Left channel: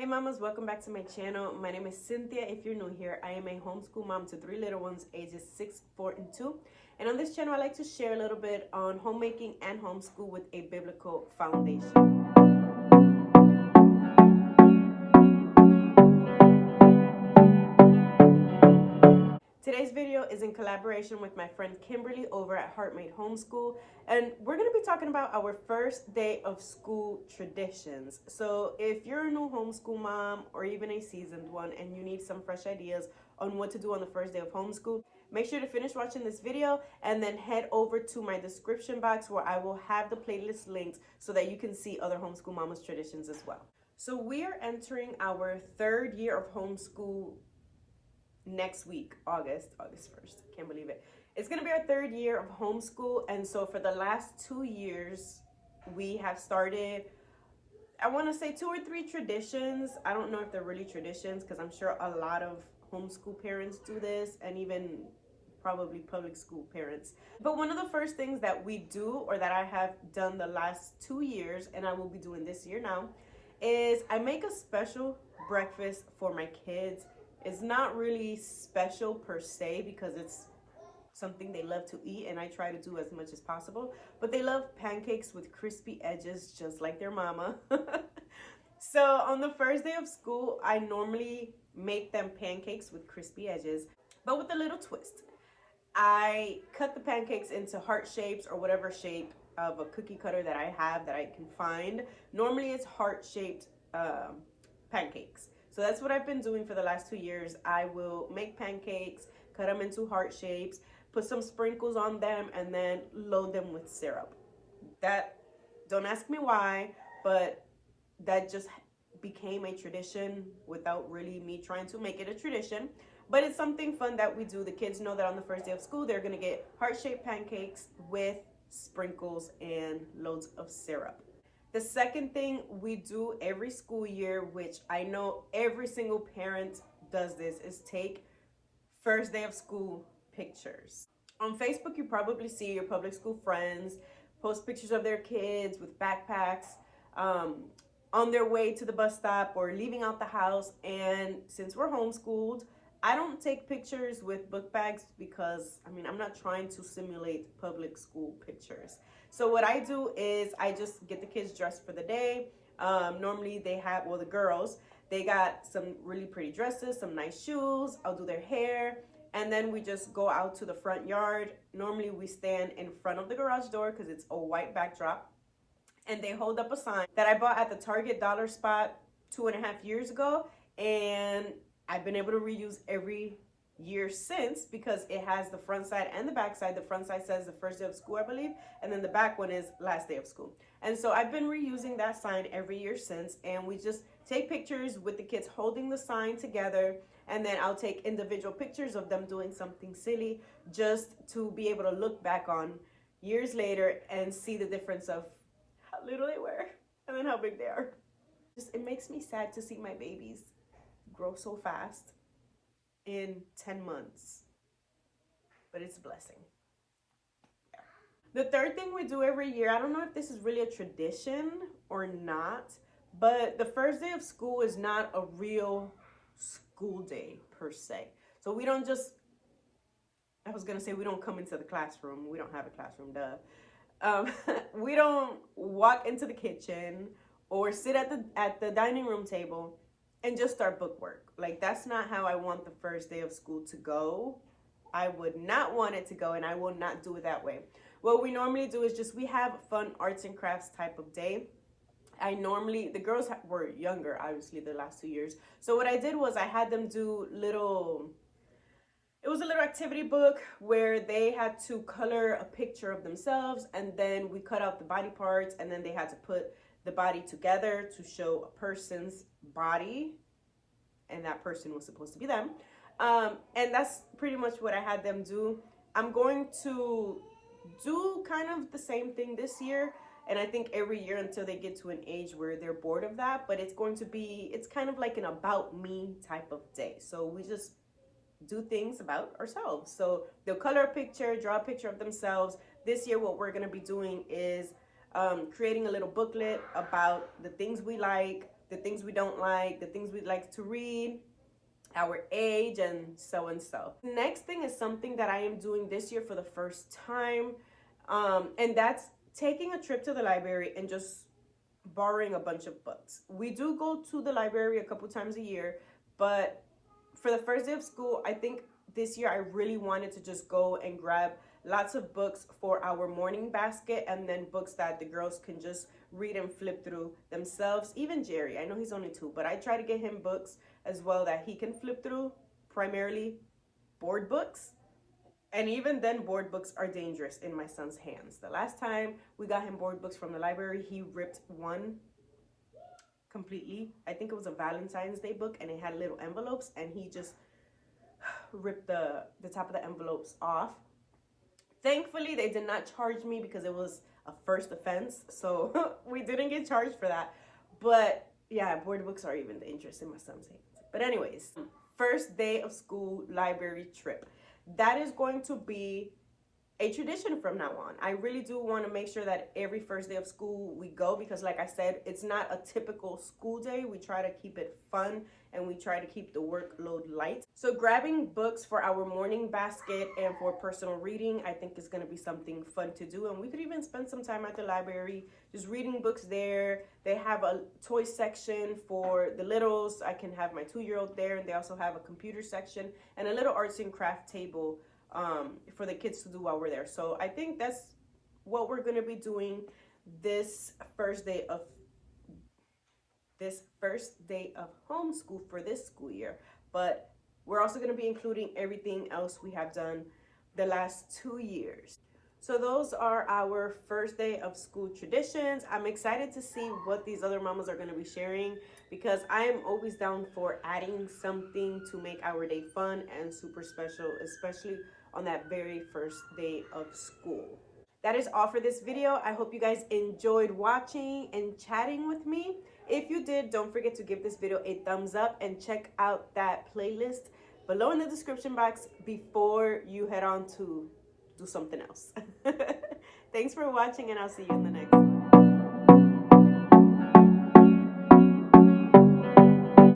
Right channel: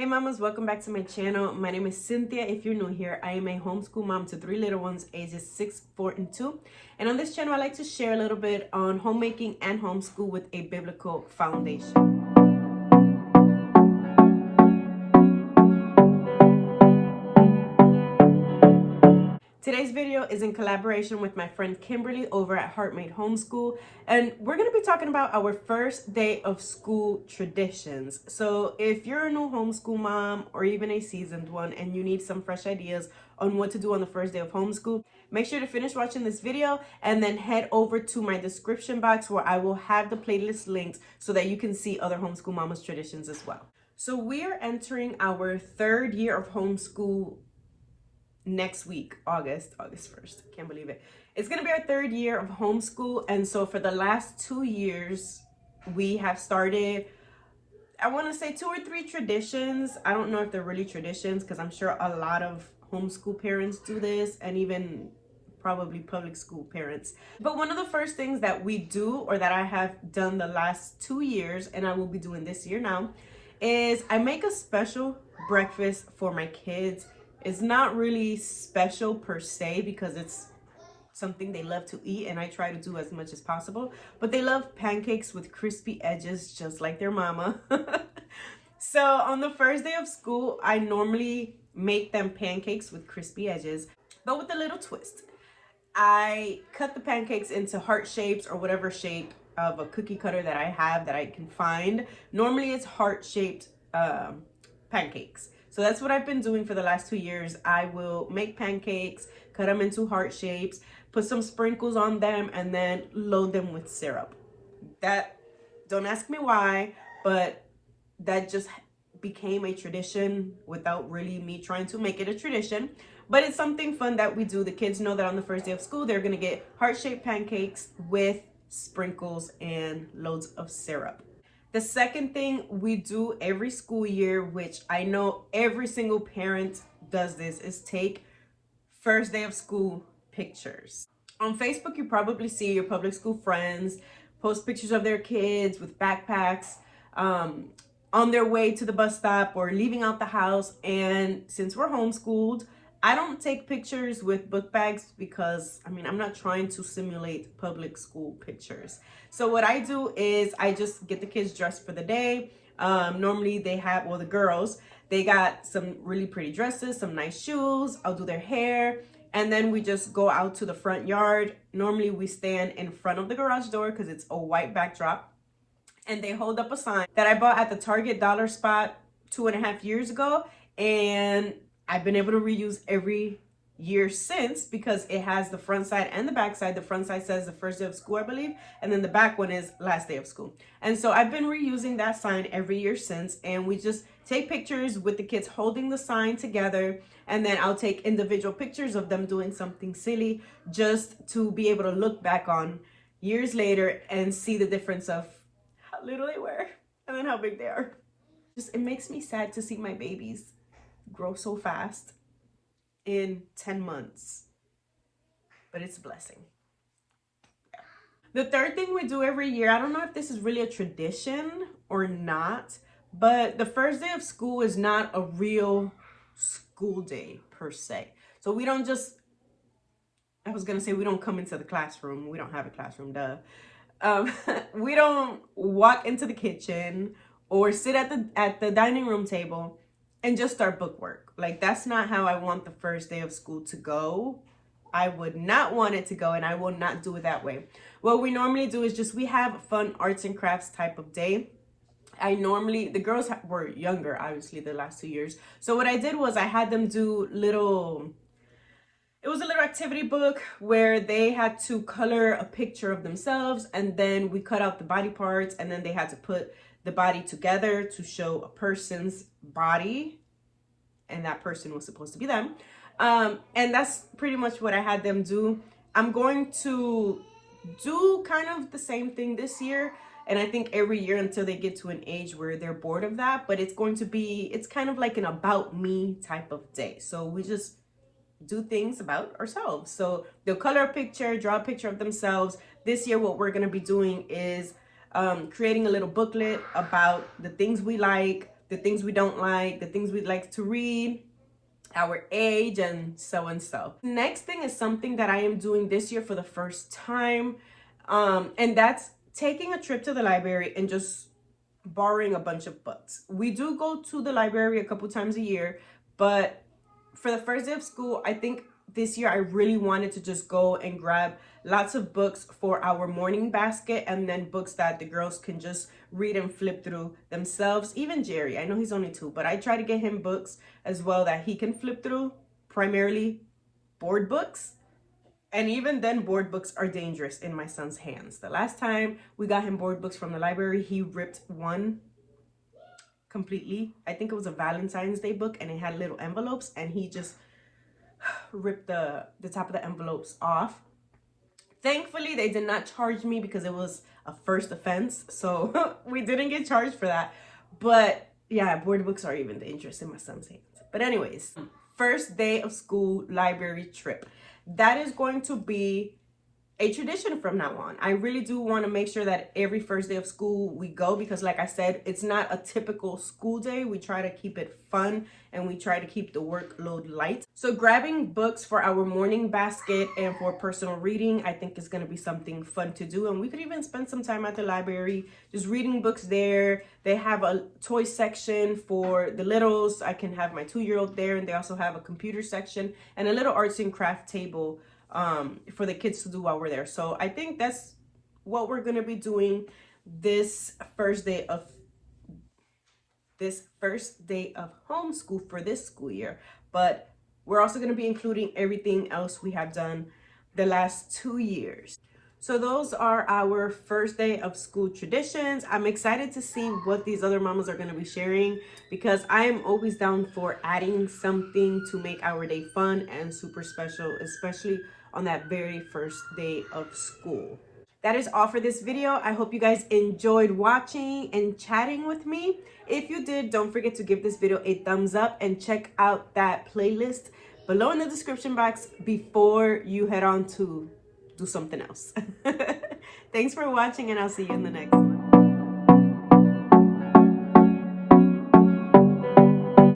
Hey mamas, welcome back to my channel. My name is Cynthia. If you're new here, I am a homeschool mom to 3 little ones ages 6, 4, and 2. And on this channel, I like to share a little bit on homemaking and homeschool with a biblical foundation. Today's video is in collaboration with my friend Kimberly over at Homeschool, and we're going to be talking about our first day of school traditions. So if you're a new homeschool mom or even a seasoned one and you need some fresh ideas on what to do on the first day of homeschool, make sure to finish watching this video and then head over to my description box where I will have the playlist links so that you can see other homeschool mamas traditions as well. So we are entering our third year of homeschool next week, August 1st. Can't believe it. It's gonna be our third year of homeschool, and so for the last 2 years we have started, I want to say 2 or 3 traditions. I don't know if they're really traditions because I'm sure a lot of homeschool parents do this, and even probably public school parents. But one of the first things that we do, or that I have done the last 2 years and I will be doing this year now, is I make a special breakfast for my kids. It's not really special per se because it's something they love to eat, and I try to do as much as possible. But they love pancakes with crispy edges, just like their mama. So on the first day of school, I normally make them pancakes with crispy edges, but with a little twist. I cut the pancakes into heart shapes or whatever shape of a cookie cutter that I have that I can find. Normally it's heart-shaped pancakes. So that's what I've been doing for the last 2 years. I will make pancakes, cut them into heart shapes, put some sprinkles on them, and then load them with syrup. That, don't ask me why, but that just became a tradition without really me trying to make it a tradition. But it's something fun that we do. The kids know that on the first day of school, they're gonna get heart-shaped pancakes with sprinkles and loads of syrup. The second thing we do every school year, which I know every single parent does this, is take first day of school pictures. On Facebook, you probably see your public school friends post pictures of their kids with backpacks on their way to the bus stop or leaving out the house. And since we're homeschooled, I don't take pictures with book bags because, I'm not trying to simulate public school pictures. So what I do is I just get the kids dressed for the day. Normally they have, well, the girls, they got some really pretty dresses, some nice shoes. I'll do their hair. And then we just go out to the front yard. Normally we stand in front of the garage door because it's a white backdrop. And they hold up a sign that I bought at the Target dollar spot 2.5 years ago. And I've been able to reuse every year since because it has the front side and the back side. The front side says the first day of school, I believe, and then the back one is last day of school. And so I've been reusing that sign every year since, and we just take pictures with the kids holding the sign together, and then I'll take individual pictures of them doing something silly just to be able to look back on years later and see the difference of how little they were and then how big they are. It makes me sad to see my babies grow so fast in 10 months, but it's a blessing. Yeah. The third thing we do every year, I don't know if this is really a tradition or not, but the first day of school is not a real school day per se. So we don't just, I was gonna say we don't come into the classroom. We don't have a classroom, duh. We don't walk into the kitchen or sit at the dining room table and just start book work. Like, that's not how I want the first day of school to go. I would not want it to go, and I will not do it that way. What we normally do is just, we have a fun arts and crafts type of day. The girls were younger, obviously, the last 2 years. So what I did was I had them do it was a little activity book where they had to color a picture of themselves, and then we cut out the body parts, and then they had to put the body together to show a person's body, and that person was supposed to be them. And that's pretty much what I had them do. I'm going to do kind of the same thing this year, and I think every year until they get to an age where they're bored of that, but it's kind of like an about me type of day. So we just do things about ourselves. So they'll color a picture, draw a picture of themselves. This year what we're going to be doing is creating a little booklet about the things we like, the things we don't like, the things we'd like to read, our age, and so and so. Next thing is something that I am doing this year for the first time, and that's taking a trip to the library and just borrowing a bunch of books. We do go to the library a couple times a year, but for the first day of school, I think this year I really wanted to just go and grab lots of books for our morning basket, and then books that the girls can just read and flip through themselves. Even Jerry, I know he's only 2, but I try to get him books as well that he can flip through, primarily board books. And even then, board books are dangerous in my son's hands. The last time we got him board books from the library, he ripped one completely. I think it was a Valentine's Day book, and it had little envelopes, and he just ripped the top of the envelopes off. Thankfully, they did not charge me because it was a first offense, so we didn't get charged for that. But yeah, board books are even dangerous in my son's hands. But anyways, first day of school library trip. That is going to be a tradition from now on. I really do want to make sure that every first day of school we go, because like I said, it's not a typical school day. We try to keep it fun, and we try to keep the workload light. So grabbing books for our morning basket and for personal reading, I think is going to be something fun to do. And we could even spend some time at the library just reading books there. They have a toy section for the littles. I can have my 2-year-old there, and they also have a computer section and a little arts and craft table for the kids to do while we're there. So I think that's what we're going to be doing this first day of homeschool for this school year. But we're also going to be including everything else we have done the last 2 years. So those are our first day of school traditions. I'm excited to see what these other mamas are going to be sharing, because I am always down for adding something to make our day fun and super special, especially on that very first day of school. That is all for this video. I hope you guys enjoyed watching and chatting with me. If you did, don't forget to give this video a thumbs up and check out that playlist below in the description box before you head on to do something else. Thanks for watching, and I'll see you in the next.